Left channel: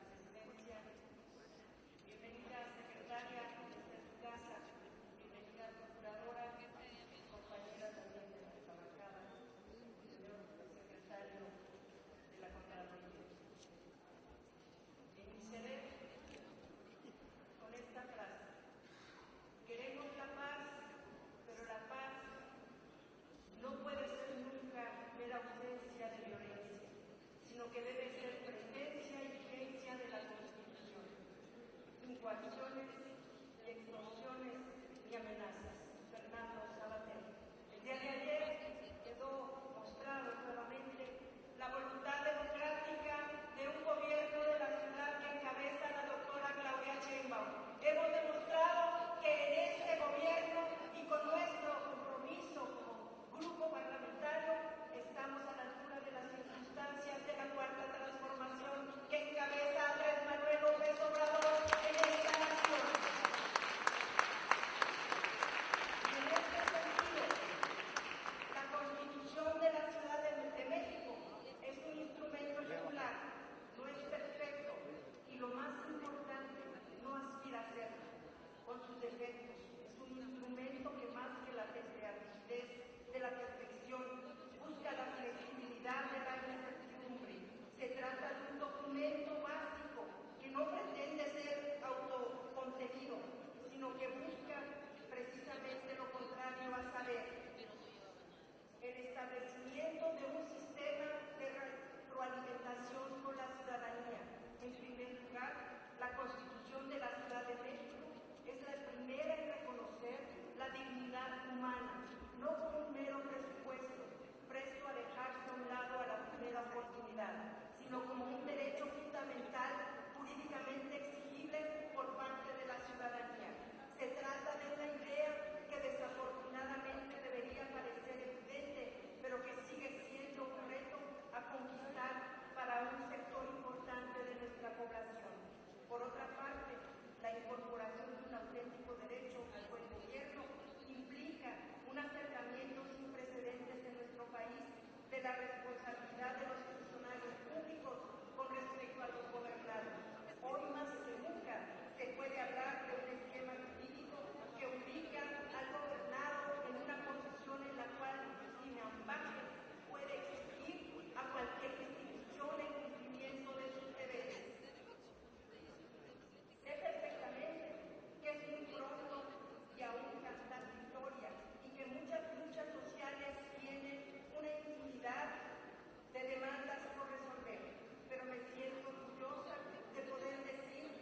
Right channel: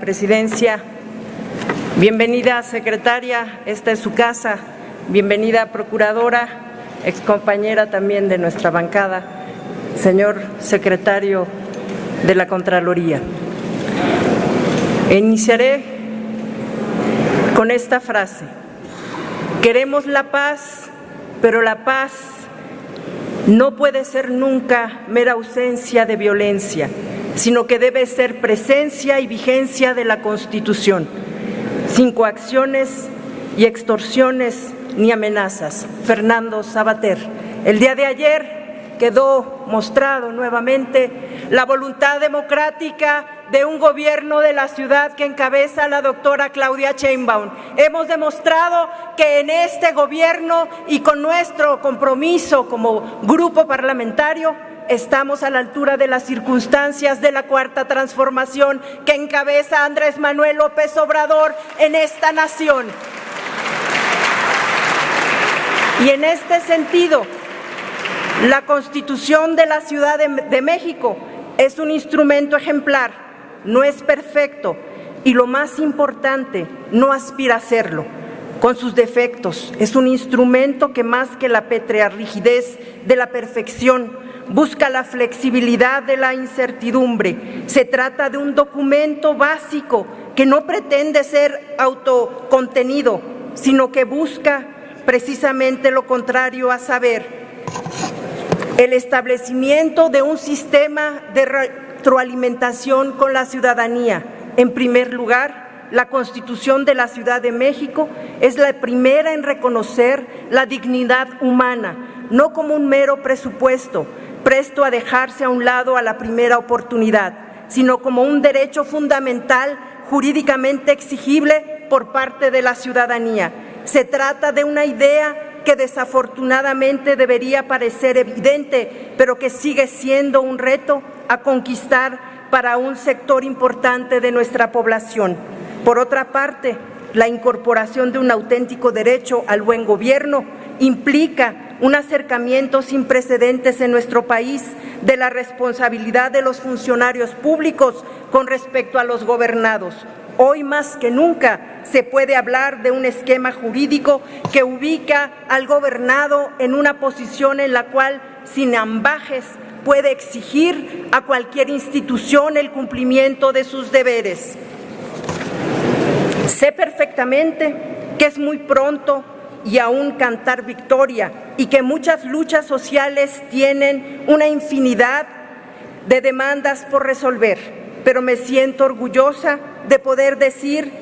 Presidencia, bienvenida secretaria, esta es su casa, bienvenida procuradora, excompañera también de nuestra bancada, señor secretario de la Contraloría. Iniciaré con esta frase: queremos la paz, pero la paz no puede ser nunca mera ausencia de violencia, sino que debe ser presencia y vigencia de la Constitución, sin coacciones y extorsiones ni amenazas. Fernando Savater. El día de ayer quedó mostrado nuevamente la voluntad democrática de un gobierno de la ciudad que encabeza la doctora Claudia Sheinbaum. Hemos demostrado que en este gobierno y con nuestro compromiso como grupo parlamentario estamos a la altura de las circunstancias de la Cuarta Transformación que encabeza Andrés Manuel López Obrador en esta nación. Y en este sentido, la Constitución de la Ciudad de México es un instrumento ejemplar, no es perfecto y lo más importante, no aspira a serlo. Con sus defectos, es un instrumento que más que la pétrea rigidez de la perfección, busca la flexibilidad de la incertidumbre. Se trata de un documento básico que no pretende ser autocontenido, sino que busca precisamente lo contrario, a saber, el establecimiento de un sistema de retroalimentación con la ciudadanía. En primer lugar, la Constitución de la Ciudad de México es la primera en reconocer la dignidad humana, no como un mero presupuesto, presto a dejarse a un lado a la primera oportunidad, sino como un derecho fundamental jurídicamente exigible por parte de la ciudadanía. Se trata de una idea que desafortunadamente debería parecer evidente, pero que sigue siendo un reto a conquistar para un sector importante de nuestra población. Por otra parte, la incorporación de un auténtico derecho al buen gobierno implica un acercamiento sin precedentes en nuestro país de la responsabilidad de los funcionarios públicos con respecto a los gobernados. Hoy más que nunca se puede hablar de un esquema jurídico que ubica al gobernado en una posición en la cual, sin ambajes, puede exigir a cualquier institución el cumplimiento de sus deberes. Sé perfectamente que es muy pronto y aún cantar victoria y que muchas luchas sociales tienen una infinidad de demandas por resolver, pero me siento orgullosa de poder decir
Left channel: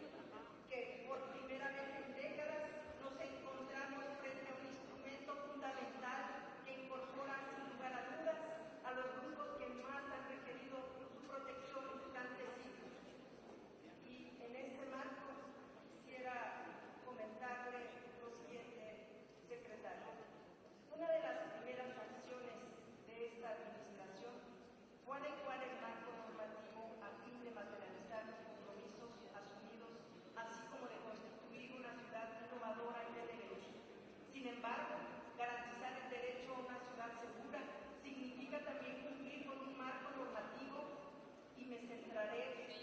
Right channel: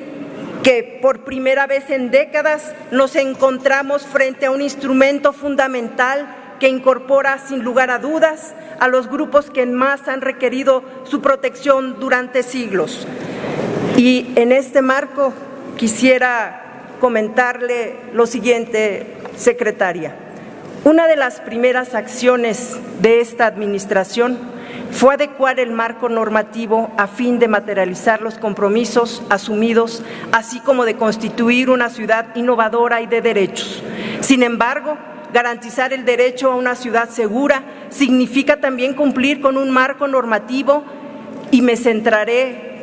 que por primera vez en décadas nos encontramos frente a un instrumento fundamental que incorpora sin lugar a dudas a los grupos que más han requerido su protección durante siglos. Y en este marco quisiera comentarle lo siguiente, secretaria. Una de las primeras acciones de esta administración fue adecuar el marco normativo a fin de materializar los compromisos asumidos, así como de constituir una ciudad innovadora y de derechos. Sin embargo, garantizar el derecho a una ciudad segura significa también cumplir con un marco normativo y me centraré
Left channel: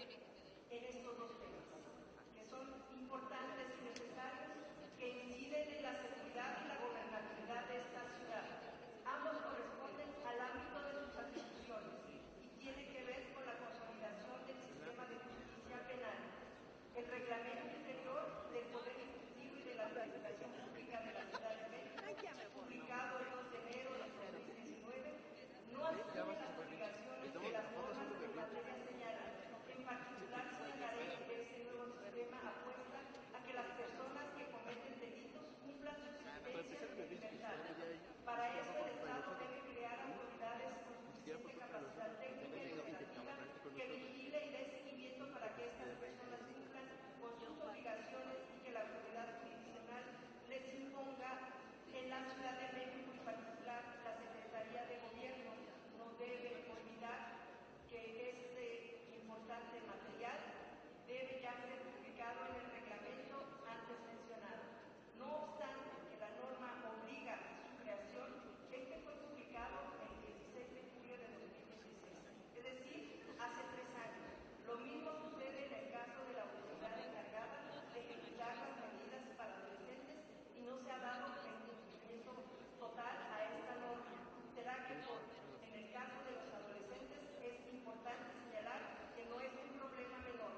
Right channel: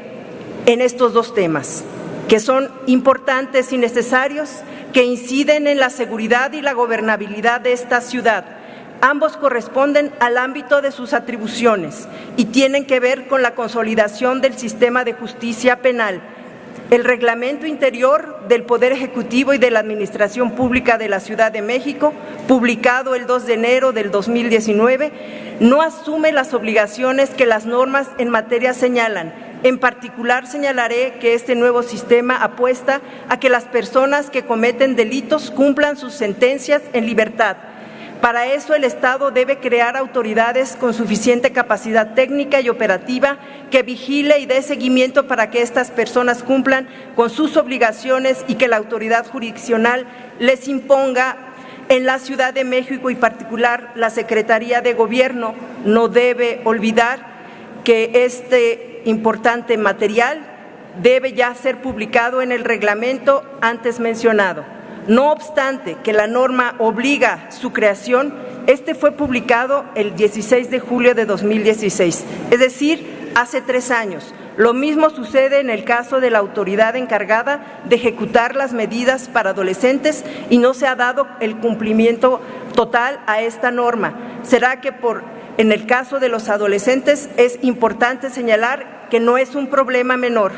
en estos dos temas, que son importantes y necesarios, que inciden en la seguridad y la gobernabilidad de esta ciudad. Ambos corresponden al ámbito de sus atribuciones y tienen que ver con la consolidación del sistema de justicia penal. El Reglamento Interior del Poder Ejecutivo y de la Administración Pública de la Ciudad de México, publicado el 2 de enero del 2019, no asume las obligaciones que las normas en materia señalan. En particular, señalaré que este nuevo sistema apuesta a que las personas que cometen delitos cumplan sus sentencias en libertad. Para eso, el Estado debe crear autoridades con suficiente capacidad técnica y operativa que vigile y dé seguimiento para que estas personas cumplan con sus obligaciones y que la autoridad jurisdiccional les imponga. En la Ciudad de México y particular la Secretaría de Gobierno no debe olvidar que este importante material debe ya ser publicado en el reglamento antes mencionado. No obstante que la norma obliga su creación, este fue publicado el 16 de julio de 2016, es decir, hace 3 años, Lo mismo sucede en el caso de la autoridad encargada de ejecutar las medidas para adolescentes y no se ha dado el cumplimiento total a esta norma. ¿Será que en el caso de los adolescentes es importante señalar que no es un problema menor?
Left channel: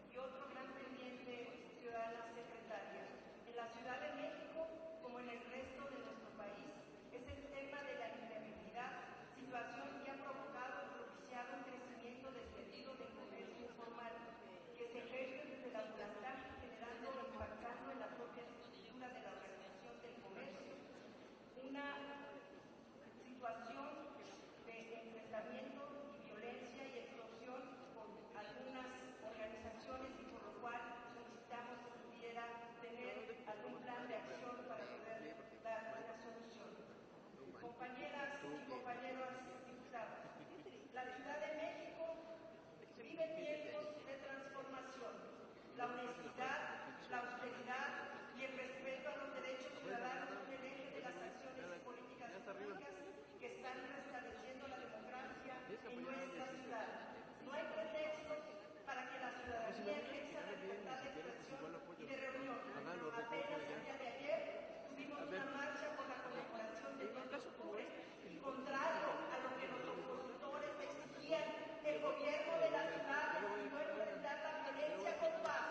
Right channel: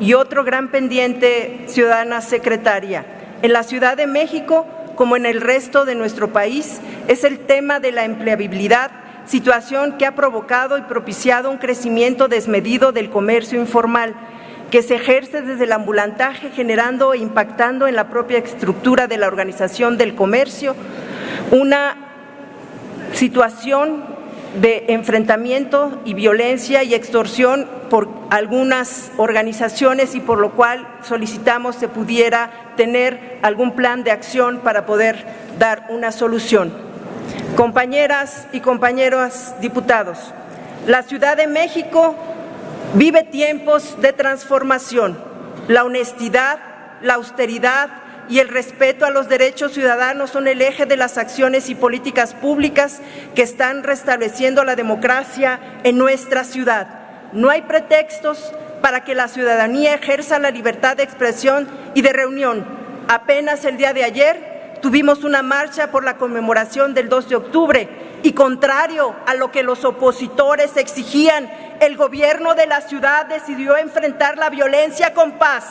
Y otro gran pendiente, ciudadana secretaria, en la Ciudad de México, como en el resto de nuestro país, es el tema de la empleabilidad, situación que ha provocado y propiciado un crecimiento desmedido del comercio informal, que se ejerce desde el ambulantaje, generando e impactando en la propia estructura de la organización del comercio, una situación de enfrentamiento y violencia y extorsión por algunas organizaciones, y por lo cual solicitamos se pudiera tener algún plan de acción para poder dar una solución. Compañeras y compañeros diputados, la Ciudad de México vive tiempos de transformación. La honestidad, la austeridad y el respeto a los derechos ciudadanos son el eje de las acciones y políticas públicas que están restableciendo la democracia en nuestra ciudad. No hay pretextos para que la ciudadanía ejerza la libertad de expresión y de reunión. Apenas el día de ayer tuvimos una marcha por la conmemoración del 2 de octubre y, contrario a lo que los opositores exigían, el gobierno de la ciudad decidió enfrentar la violencia con paz,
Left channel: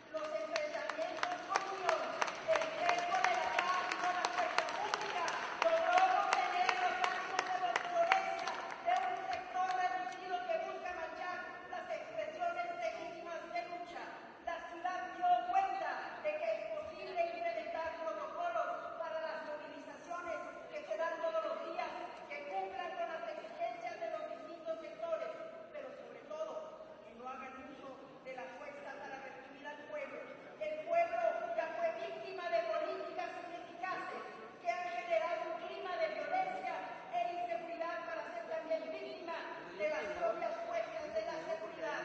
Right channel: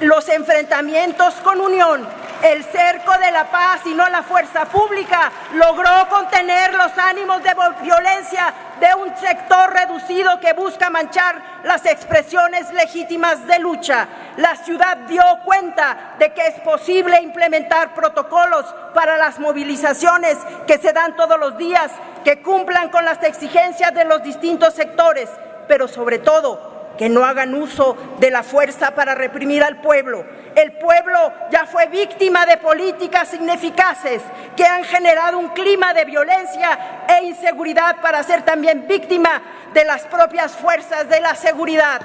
los enfrentamientos con unión. El cerco de la paz y no la fuerza pública logró contener los ánimos de violencia de un sector reducido que busca manchar las expresiones legítimas de lucha. La ciudad dio cuenta de que es posible implementar protocolos para las movilizaciones que se dan todos los días, que cumplan con las exigencias de los distintos sectores, pero sobre todo que no hagan uso de la fuerza para reprimir al pueblo. El pueblo ya fue víctima de políticas ineficaces que han generado un clima de violencia e inseguridad para ser también víctima de las propias fuerzas de la seguridad.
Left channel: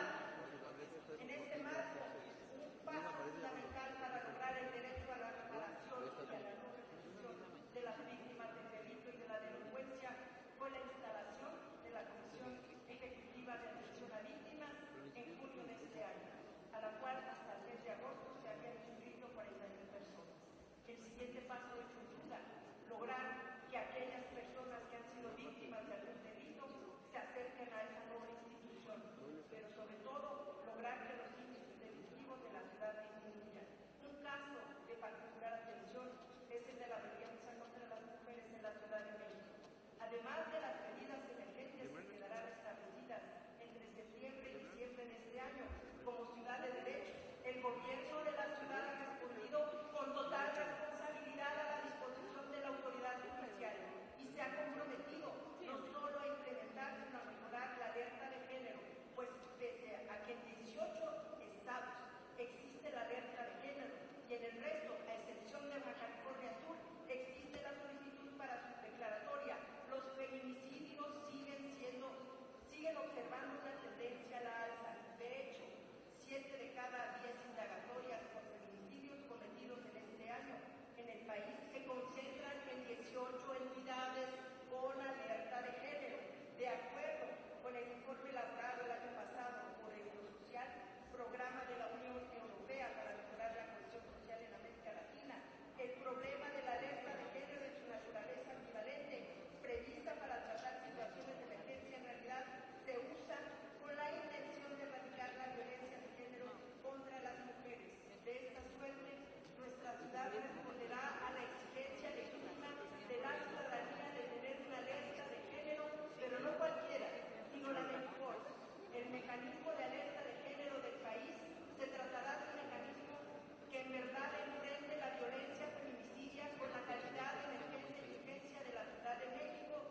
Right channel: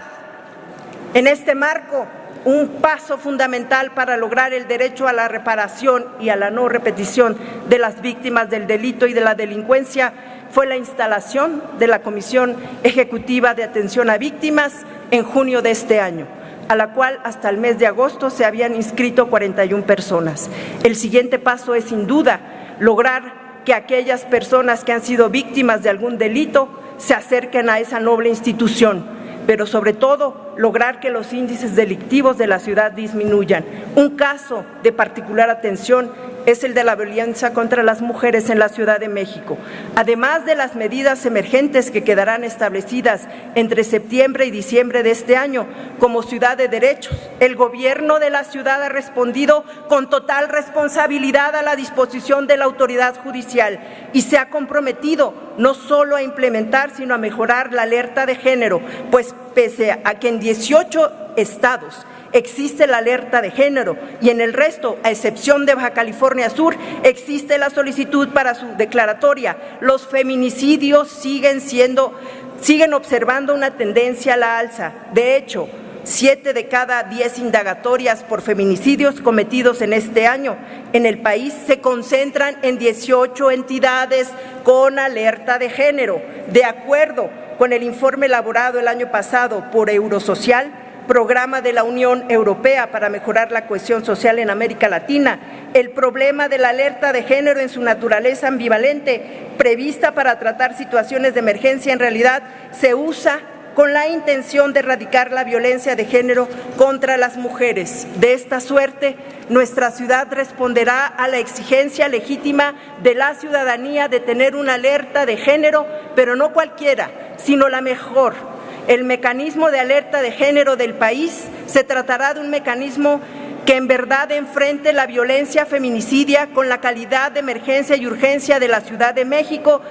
En este marco, un paso fundamental para lograr el derecho a la reparación y a la no repetición de las víctimas del delito y de la delincuencia fue la instalación de la Comisión Ejecutiva de Atención a Víctimas en junio de este año, a la cual hasta el mes de agosto se habían inscrito 41 personas. El siguiente paso es, sin duda, lograr que aquellas personas que han sido víctimas de algún delito se acerquen a esa noble institución, pero sobre todo lograr que los índices delictivos de la ciudad disminuyan. Un caso de particular atención es el de la violencia contra las mujeres en la Ciudad de México. Además de las medidas emergentes que quedarán establecidas entre septiembre y diciembre de este año como ciudad de derechos, el gobierno de la ciudad ha respondido con total responsabilidad a la disposición de la autoridad judicial y se ha comprometido no solo a implementar, sino a mejorar la alerta de género, pues pese a que en 18 estados existe la alerta de género y en el resto, a excepción de Baja California Sur, existe la solicitud para su declaratoria. Los feminicidios siguen observando una tendencia a la alza. De hecho, 7 de cada 10 indagatorias por feminicidios cometidos en este año en el país se concentran en 18 entidades con alerta de género. De acuerdo con el informe elaborado el año pasado por Eurosocial, Programa de la Unión Europea para mejorar la cohesión social en América Latina, el problema de la alerta de género en su naturaleza ambivalente, prevista para tratar situaciones de emergencia, en realidad se usa con la intención de erradicar la violencia de género contra las mujeres. De esta suerte, nuestra ciudad responderá a la exigencia legítima de la ciudadanía de tener una alerta de género, pero no cualquiera, sino la mejor. El mecanismo de alerta de género del país se tratará de un mecanismo que en verdad enfrente la violencia feminicidia con la calidad de emergencia y urgencia de la Ciudad de México.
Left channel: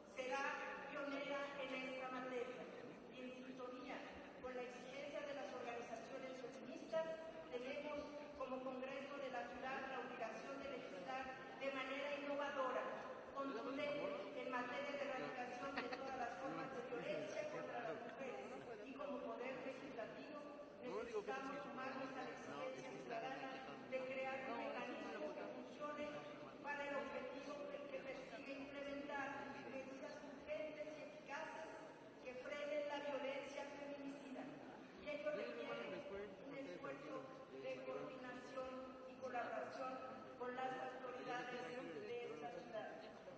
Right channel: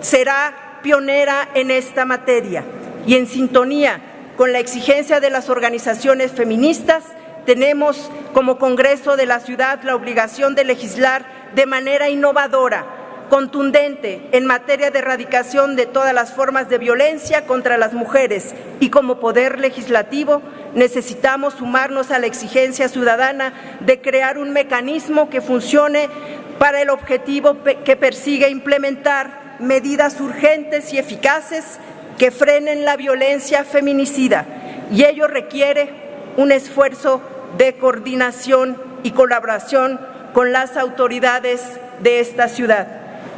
Será pionera en esta materia y en sintonía con la exigencia de las organizaciones feministas, tenemos como Congreso de la Ciudad la obligación de legislar de manera innovadora, contundente en materia de erradicación de todas las formas de violencia contra las mujeres, y como Poder Legislativo necesitamos sumarnos a la exigencia ciudadana de crear un mecanismo que funcione para el objetivo que persigue implementar medidas urgentes y eficaces que frenen la violencia feminicida y ello requiere un esfuerzo de coordinación y colaboración con las autoridades de esta ciudad.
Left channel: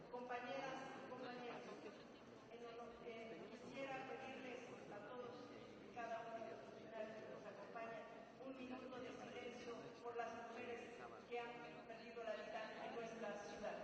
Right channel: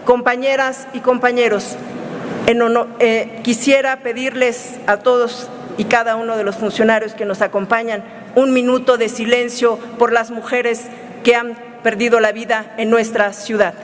Compañeras y compañeros, quisiera pedirles a todos y cada uno de los funcionarios que nos acompañan un minuto de silencio por las mujeres que han perdido la vida en nuestra ciudad.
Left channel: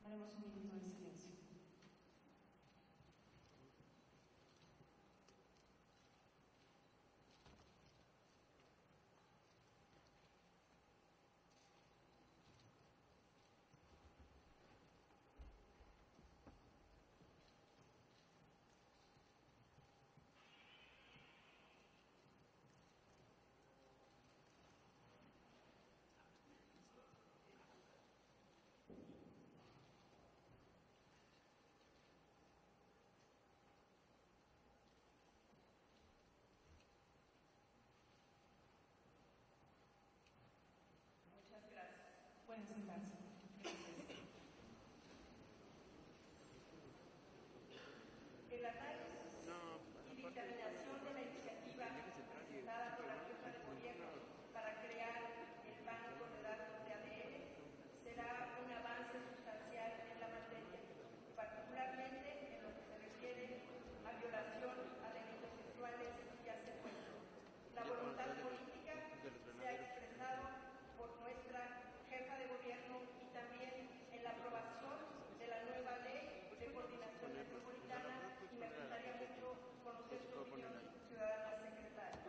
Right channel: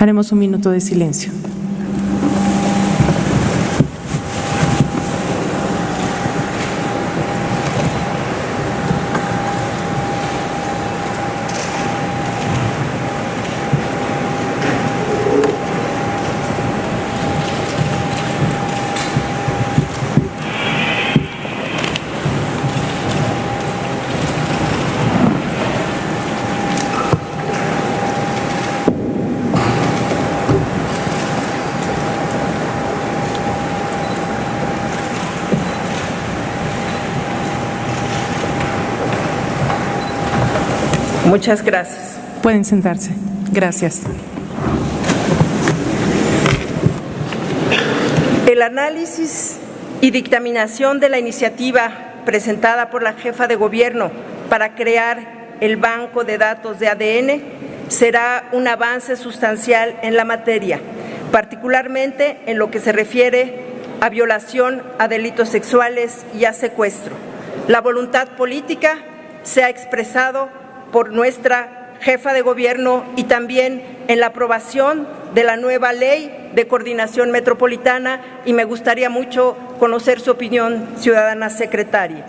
Haremos un minuto de silencio. Muchas gracias. Pueden sentarse. Gracias. El análisis y dictaminación de la iniciativa presentada por la jefa de gobierno para crear el banco de datos de ADN será un avance sustancial en la materia, particularmente en lo que se refiere a violación, a delitos sexuales y a secuestro. La voluntad política se ha expresado por nuestra jefa de gobierno y también en la aprobación de la nueva ley de coordinación metropolitana, y me gustaría mucho conocer su opinión, ciudadana secretaria.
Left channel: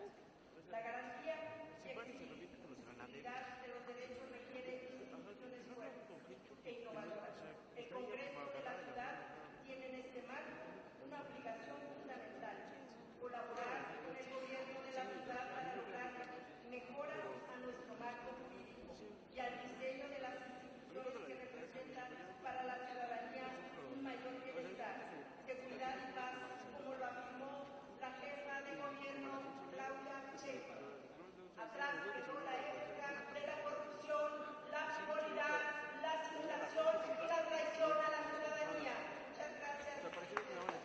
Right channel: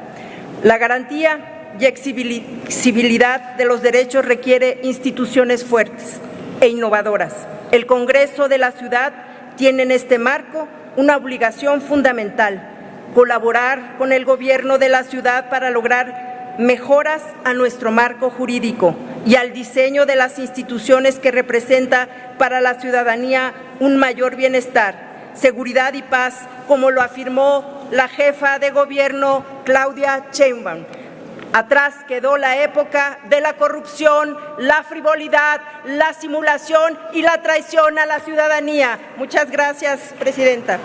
La garantía y exigibilidad de los derechos requiere instituciones fuertes e innovadoras. El Congreso de la ciudad tiene en este marco una obligación fundamental: colaborar con el gobierno de la ciudad para lograr mejoras a nuestro marco jurídico y al diseño de las instituciones que representa para la ciudadanía un mayor bienestar, seguridad y paz, como lo afirmó la jefa de gobierno Claudia Sheinbaum. Atrás quedó la época de la corrupción, la frivolidad, la simulación y la traición a la ciudadanía. Muchas gracias, presidenta.